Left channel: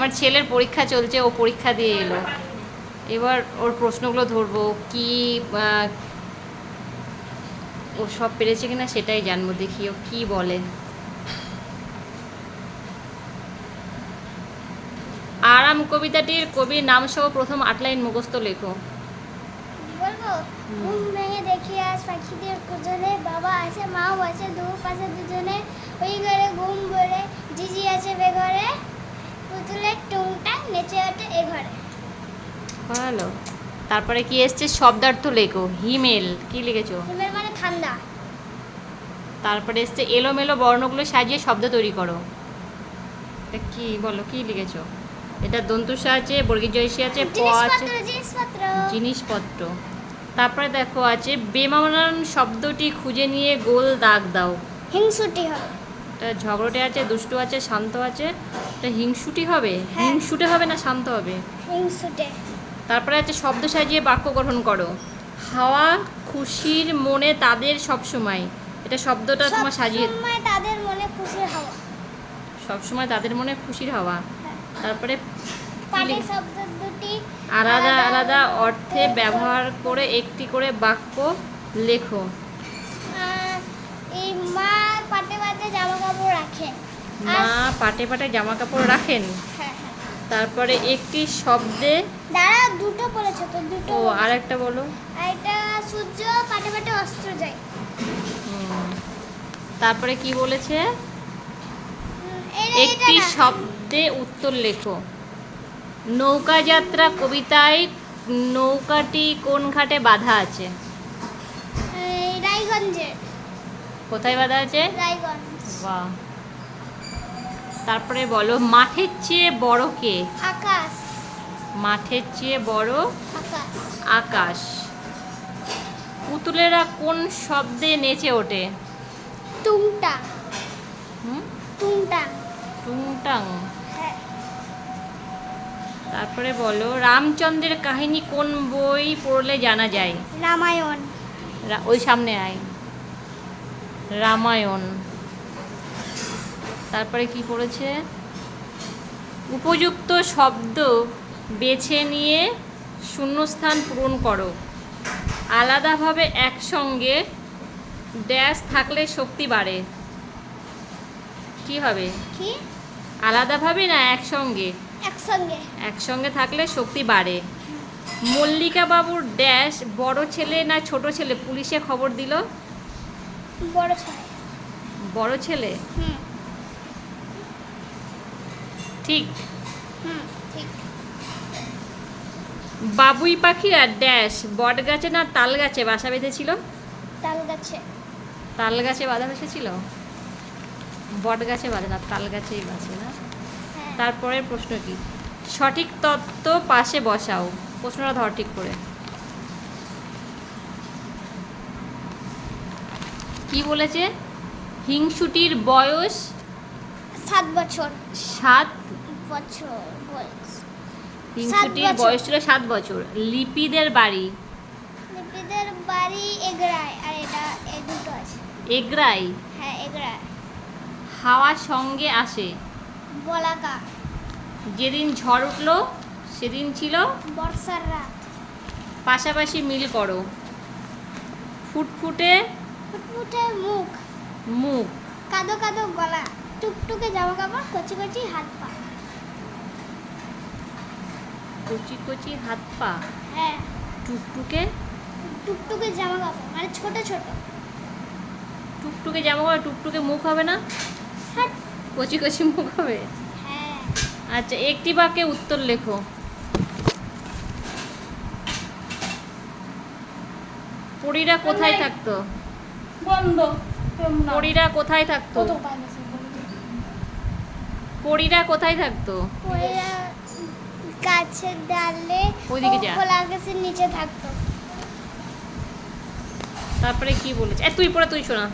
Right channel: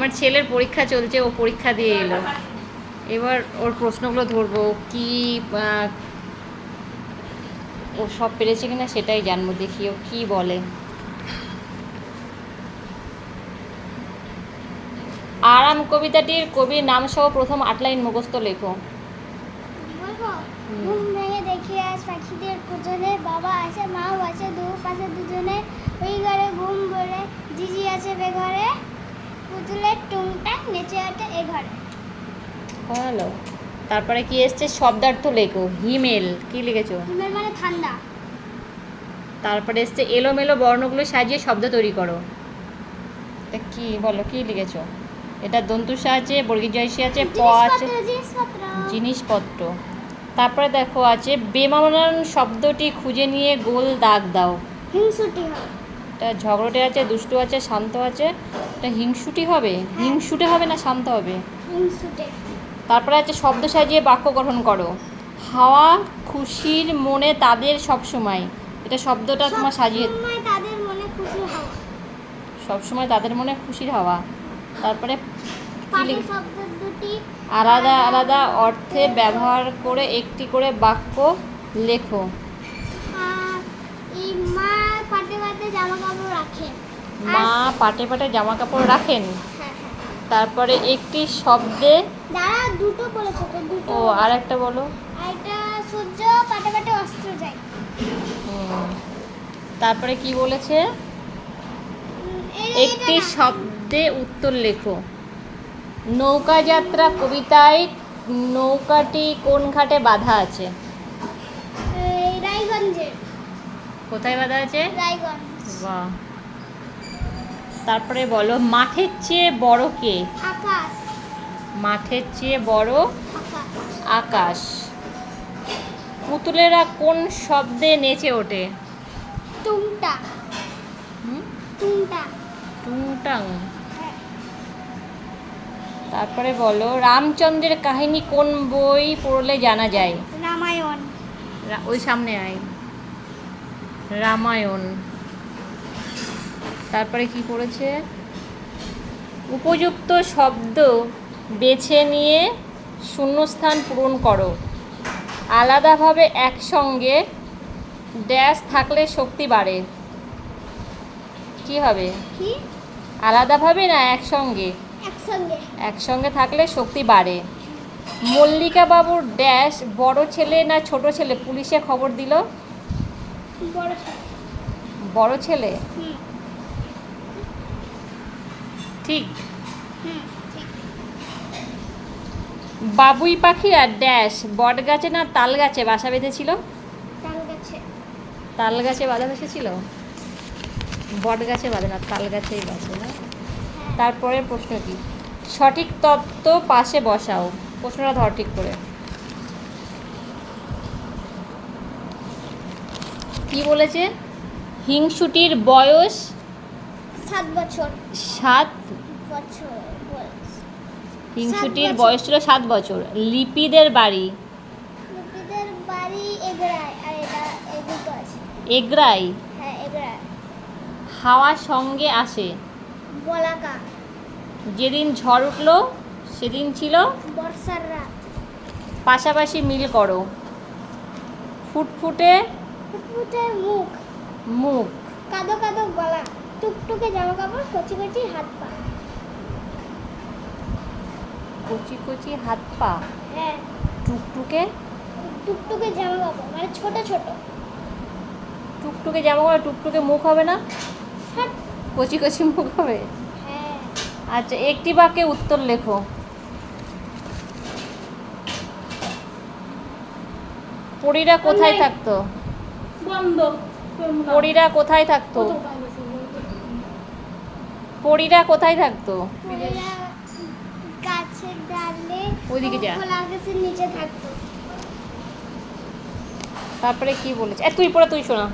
আমার ছেলের পরীক্ষা চলছে, ও পরীক্ষা দিয়ে এলো। এবার ওর প্রশ্নগুলো ধরবো, কি ও সব পেরেছে কিনা সেটাই জানবো, দেখি ও কি বলে। আরাম কবিতাটির কবির নাম সহ প্রথম 8 লাইন মুখস্থ লেখো। বলবো? ঘুম ভেঙে দেখি আজ পাখিদের কুজনে, বাবা আছে মাও আছে পাশে দুজনে, ওই ঘরে ঘুম ভরে জিজি আছে বেঘরে, পুতুলের টুংটাং নেচে আছে এ ঘরে। ভালো। তারপরে কি এসছে? শব্দার্থ লেখো। হিমেল কি লিখেছো? হিমেল মানে ঠান্ডা। তারপরে এসছে এলোমেলো বর্ণগুলো সাজিয়ে শব্দ তৈরি করো। এটা কি বলো, কি লিখেছো? এটা দন্তুসা আছে, বর্গীয় জয়সী আছে, প আছে, জিনিসপত্র। তারপরে দেখো আছে বেমানান শব্দটি খুঁজে নিয়ে গোল দাগ দাও। হিংসুটি হবে। এটা ঝগড়টে আছে, দুষ্টু আছে, শান্ত আছে। এটা হিংসুটি হবে? হিংসুটে হবে না শান্ত হবে? হিংসুটে। তারপরে আছে শব্দ সাজিয়ে বাক্য গঠন করো। হাওয়া খুশির মনে তাদের সব সময়। এটা শব্দটা তোমার সাজিয়ে, সবসময় তাদের মনে খুশি হাওয়া। সবসময় তাদের মনে খুশির হাওয়া। তারপরে পাটের শব্দ দুটি আলাদা আলাদা অর্থে ব্যবহার করে একটি করে বাক্য লেখো। এই মা পাটে পাটে জামা কাপড় রাখেন। মা পাটে পাটে জামা কাপড় রাখেন। হ্যাঁ। তারপরে একটি শব্দে, দাঁড়া দুটো বলেছো তো, দুটো। ও আর একটা বলো। এটা সূর্য পাটে পাটে অস্ত্র যায়। তারপরে কি বলেছে? একটি শব্দে উত্তর লেখো। নৌকা যাত্রা কবিতায় নৌকাটি কোন ঘাটে বাঁধা আছে? রায়গঞ্জে। কোথায় বাঁধা আছে? রায়গঞ্জ। বাহ। তারপরে বলো মাঠের চেয়ে বড় কে? আকাশ। মাঠের চেয়ে বড় আকাশ। আকাশ। পুতুলেরা কোন শব্দে নেচে ওঠে? টুংটা। টুংটা। টুংটাং। তারপরে বলো রামচন্দ্রের কাহিনী কোন বই পড়লে জানা যায়? রামায়ণ। ওই সামনে আয়। রামায়ণ। তারপরে কি পড়েছে? উপযুক্ত শব্দ বেছে নিয়ে শূন্যস্থান পূরণ করো। আলাদাভাবে একসঙ্গে ড্যাশ থাকলে শক্তি বাড়ে। কি হবে? কি? আলাদাভাবে না একসঙ্গে? একসঙ্গে। একসঙ্গে থাকলে শক্তি বাড়ে। মল্লিকা বাবুর ড্যাশ বড় ছেলে না ছোট ছেলে পুলিশে খবর দিল? বড় ছেলে। বড় ছেলে। ঠিক। ঠিক। বাবুই পাখিরা ড্যাশ বট গাছে না তাল গাছে বাসা বেঁধেছিল? তাল গাছে। তাল গাছে বাঁধা বসেছিল? বট গাছে বাঁধে না, তাল গাছেই বাসে না? তারপরের প্রশ্ন কি? সঠিক তত্ত্ব পাশে বসাও। প্রশ্নটা ধর ঠিক করে। কি বলেছে? হিংসুটির বয়স 7 বছর। 7 বছর বয়স। হিংসুটির বয়স ছিল 7 বছর। লিপিদের বাড়ি? লিপিদের বাড়ি এগরায়, আর এটা এই দুটো আছে। এগরাই। হ্যাঁ এগরায়। হাওয়া সঙ্গে আসে। বলাকা। যেদিন ঝড় উঠলো সেদিন ছিল বর্ষার রাত। পাশাপাশি মিল করো। ফুটফুটে ফুটফুটে মুখ। মুখ। কাদো কাদো গলা। টুকটুকে জামা কাপড়, কচি কচি হাত পা। কচি কচি হাত পা। হ্যাঁ। টুকটুকে। টুকটুকে জামা কাপড় মানে ছোট ছোট। টুকটুকে জামা কাপড়, টুকটুকে মুখ হবে না? হাট। কচি কচি মুখ হবে। হ্যাঁ। আচ্ছা একটি বাক্যে উত্তর লেখো। পরীরা কোথায় থাকতো? বন্ধ। পরীরা কোথায় থাকতো? পরীরা কোথায় থাকতো? গাছের ডালে। ওইদিকে যা। খোলা আকাশের নিচে থাকতো। তারপরে কি বলেছে? তুই পড়ে তুই শোনা।